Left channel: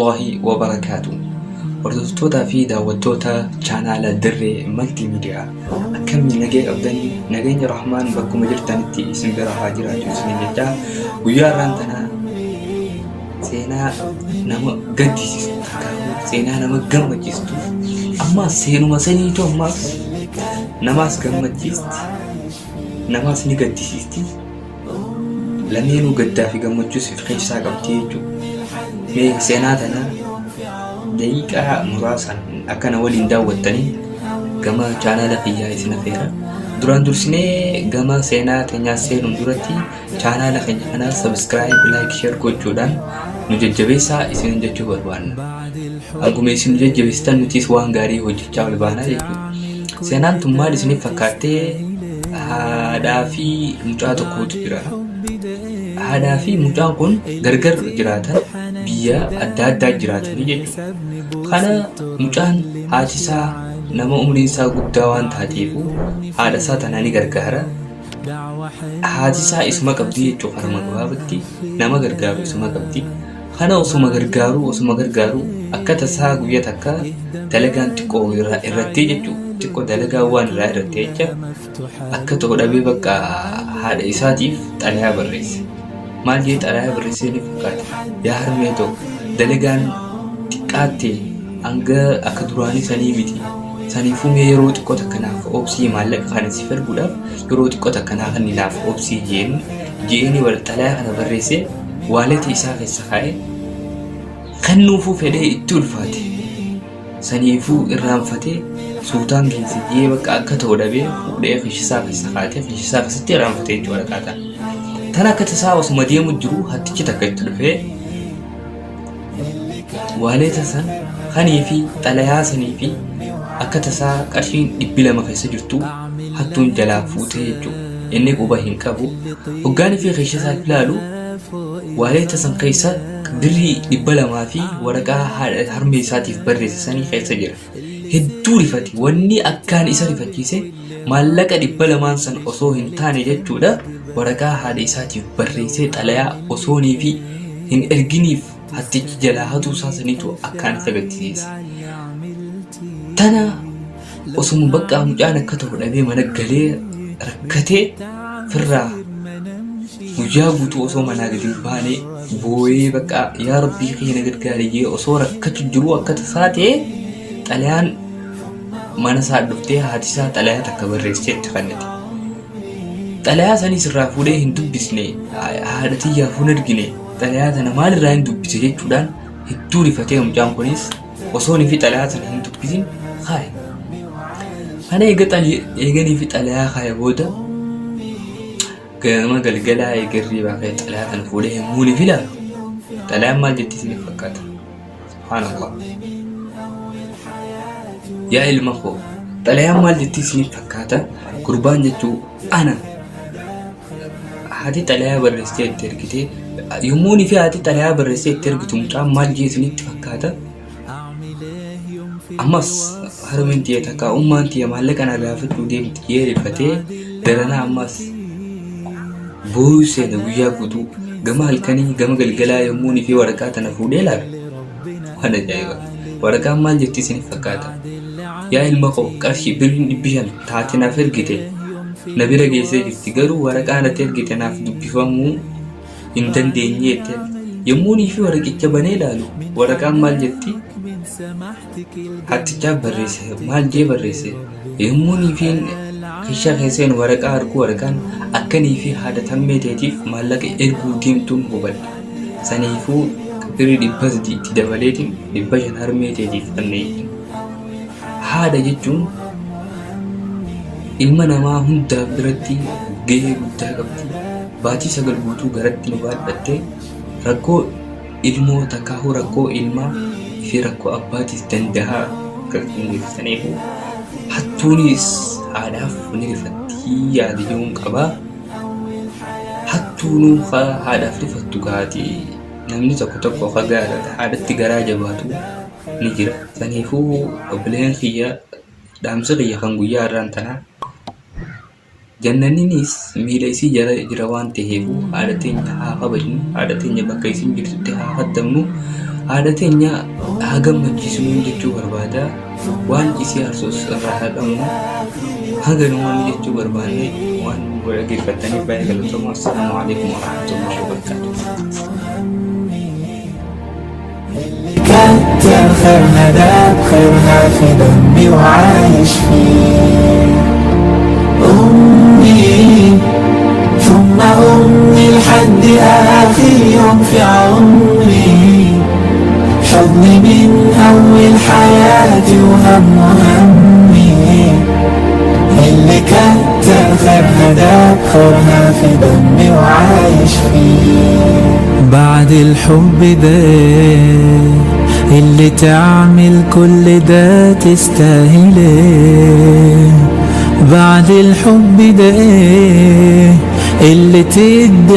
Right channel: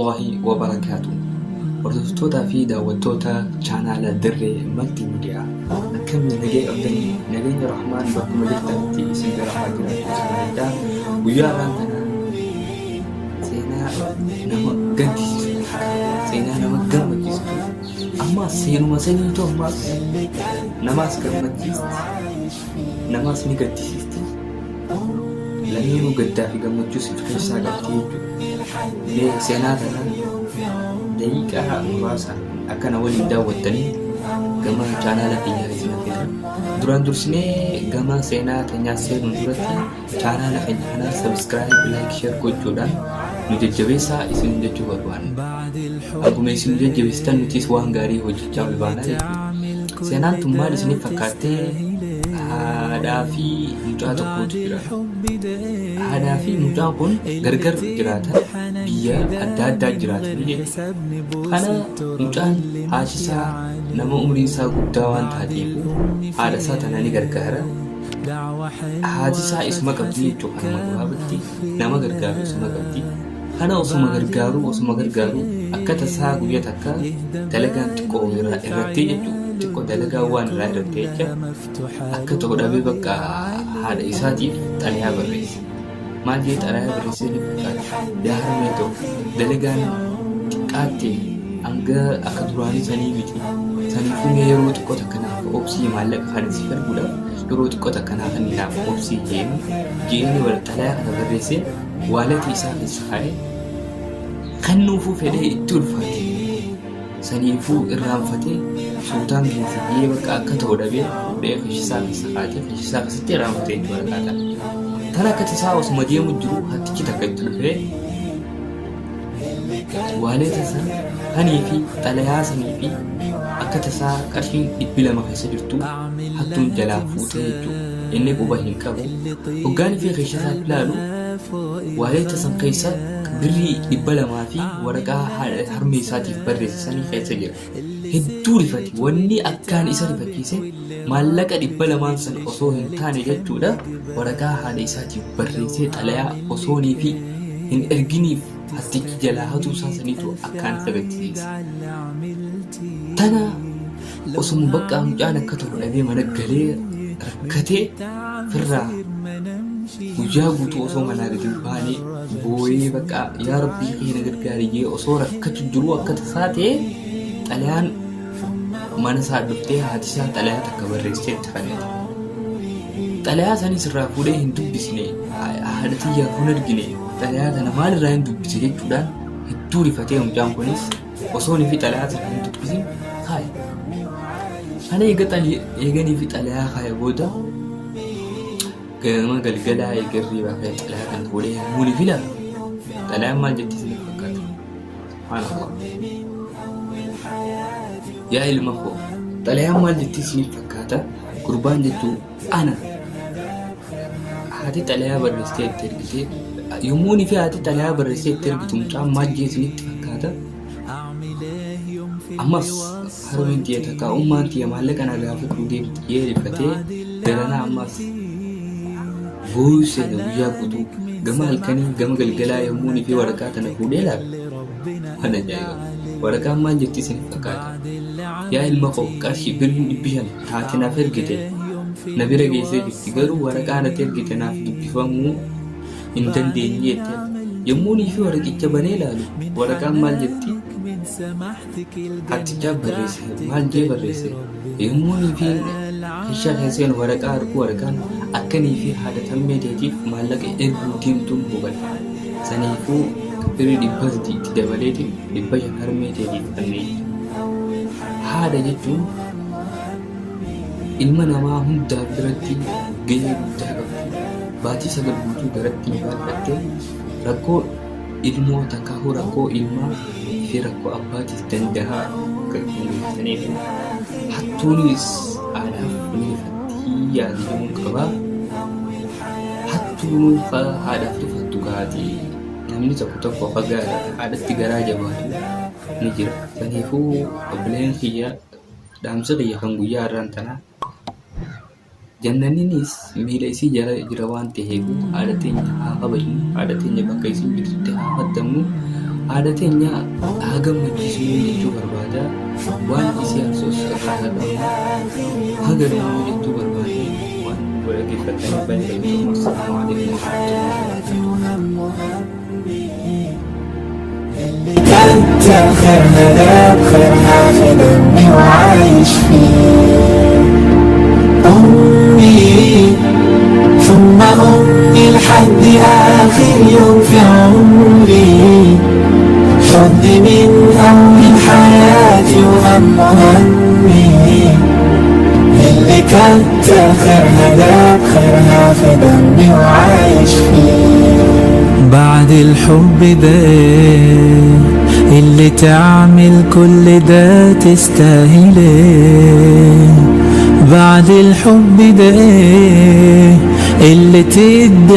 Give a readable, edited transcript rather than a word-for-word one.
warahmatullahi wabarakatuh. Hordoftoota fi daawwattoota chaanaala Dirree Multiimiidiyaa akkamiin nageenya rahmaan bakkuma jirtanitti isin bira haa jiraatu isin jechaa guyyaa irraan tana seenaa nama gaddisiistu seenaa nama gammachiistu ammaas seenuma saniitu ammaas namaas gammachiisti namaas ni gaddisiisti lameenuu gaddaa fi gammachuus of keessaa qabdi jechuudha. Seenaa tana daqiiqaa muraasaan akkana waliin daawwattanii gama chaanaala kiyyaa isin affeera. Duraan dursinee gama seenaa teenyaa seenuun duratti chaanaala keenya kana subscribe, like, share gochuudhaan nu jajjabeessaa isin jechuu barbaanna. Akkuma isin jajjabeessitan nutis waan gaarii hojjechaa ol baana jechuudha. Seenaan tun maal isiniif fakkaattee haadhaa fi mucaa tokkotu jira. Haadhaa fi mucaan kun gargar jiraatan biyya adda addaa jiraatan jechuudha. Kana mucaan haati isaa nama umriin isaa guddaa waan taateef haadha isaa tana ni gargaara. Haati isaa isuma qabdi jechuudha. Kanuma gabaabatti nama gargaaru isuma qabdi. Kana osuma gargaaru akka tasaa guyyaa takka dalagaan xiqqoo irratti jechuudha. Xiqqoo dalagaa waan irraa irratti jecha akka tokko dhabee bakka haadha isaatiif xalayaa barreesse. Maal jedhee xalayaa barreessee ni fakkaata. Yaa harmee tokko dalagaan xiqqaatti hanga akka duraanii sanii miti. Saniifuu mee yeroo xiqqoo takkanaaf obsii maallaqa kana si falguudhaaf yeroo xiqqoo takkanaaf naaf obsii jeeni wal xalayaa kana barreessee waaleta isaa keessa kaa'ee kennuufuu fedhee itti ulfaate. Saniifuu irraanfatee sultaan geessee bakka akka ta'u dhabee fudhee fishisaa keessa kaa'atee fishisaa keessatti irraanfatee jechuudha qaata. Tan akka tasaa osuma deemu jiru hattichi takka itti dhufee waaleta san kanii fi xalayaa sanii fi akka tasaa qarshiin 200 keessa jirtu hattuun jalaa fuutee jechuudha. Inni quba hin qabu. Hoggaanii fi fishisaa ilaalu waaleta san keessa birrii 200 fi waraqaa haadha harmee isaatiif barreessanii keessa jira. Hedduu rifate. Wanni akkaan isa rifachiise maallaqa 200 san osoo hin taane jechuudha. Waraqaa haadha isaatiif barreessee xalayaa osoonii fi hin erginiif hattichi jalaa hatuu isaa saniitu akkaan isa gaddisiisa. Tana osuma bakka mucaan akka ta'u dhabee mana galee rakkatee firraa guyyaa guutuu osoo manaa gadi baanee boo'ee bakka yaa rabbii keenya gargaariyee osoo rakkatu jiru akka tasaa ta'e xalayaan mana isaa dhuftee haati isaa xalayaa takka barreessee itti fannite. Xalayaa sanis irraa fuudhee hin dubbisne haadha tiyyaaf hin argine xalayaa tana maalirraa hin dubbise jechuudhaan hedduu rifatee mucaan kunis osoo ni fi xalayaa sana hin dubbisin kaaye. Kana eeganii fi xalayaa kaaye booda gama galgalaa eegarrii baaqee xalayaa kana fuudhee yommuu ni filaalu xalayaan maal jetti isiniif fakkaata? Subhaanallah. Yaa ilma koo xalayaan maal jetti isiniif fakkaata? Gurbaan jechuun ana haati xalayaa barreessitee itti ergitee yommuu ni fi haati xalayaa barreessitee itti ergitu mucaan maal jee isinitti fakkaata? Ammas harmeen tiyya takka ummaan tiyya maallaqa na gaafachuu deemti jee rifatee daranaa ammas buusee guyyaa guutuu gama halkanii gama galgalaa yommuu ni fi waraqaa tana fuudhee laala. Waan ajaa'iba! Waraqaan maal jetti isiniif fakkaata? Yaa ilma koo qarshii birrii 500 taate naaf ergite na bira geessee jirti garuu waraqaa natti ergite naaf dubbifamuu hin dandeenye jette. Yommuu ni fi waraqicha banee ilaalu waraqaan maal jetti? Hattichaa barreesse maal jee barreesse? Yommuu ni fi kishaa keesseen waraqaa harkuu waraqaan akka nii fi haadha tammee teetiif maallaqa erguu diimtuun hubadha. Saniifuu birrii 100 itti dabaleetiin 500 harmee teetiif kanneen. Haadha jechuun ilma namaa hundaa biratti gahee guddaa qabdi. Baatii 9 guutuu garatti baadhattee rakkoo ilmoo takkaahuu rakkoo ilmaa fi rakkoo abbaatiif danda'a kan ibsaniif hattuunis haadhaaf ni rifattii yaadamuun qaba. Hattuun haadhaaf rifattu kaatee namni tokko haadhatti garaa jabaatu ni jira. Saniifuu obboleen kiyya dhaamsa kiyya kan guyyaa irraan tanaa jannaniinis miila isii jala jira waan ta'eef haadha teenya haa kabajnu, haadha teenya bakka isin jirtutti haa kaddamnu. عادتنا هاجم مجلسون جتو بربادا وان إسيار سوس الرحلة هاجم يوم جتو بربادي وان ولقي فتني بين الجمهور. السلام عليكم ورحمة الله وبركاته. كتر خيرنا ذاك خيرنا في دمي وعايش فيه أمي ثم أمي لحد آخر يوم في عمري حضني من أول حياتي وهم همي اللي كتر خيرها ذاك خيرها في دمي وعايش فيه. بعد الحب ده اللي تعمل كل ده تستاهله، بعد الحب ده اللي تدي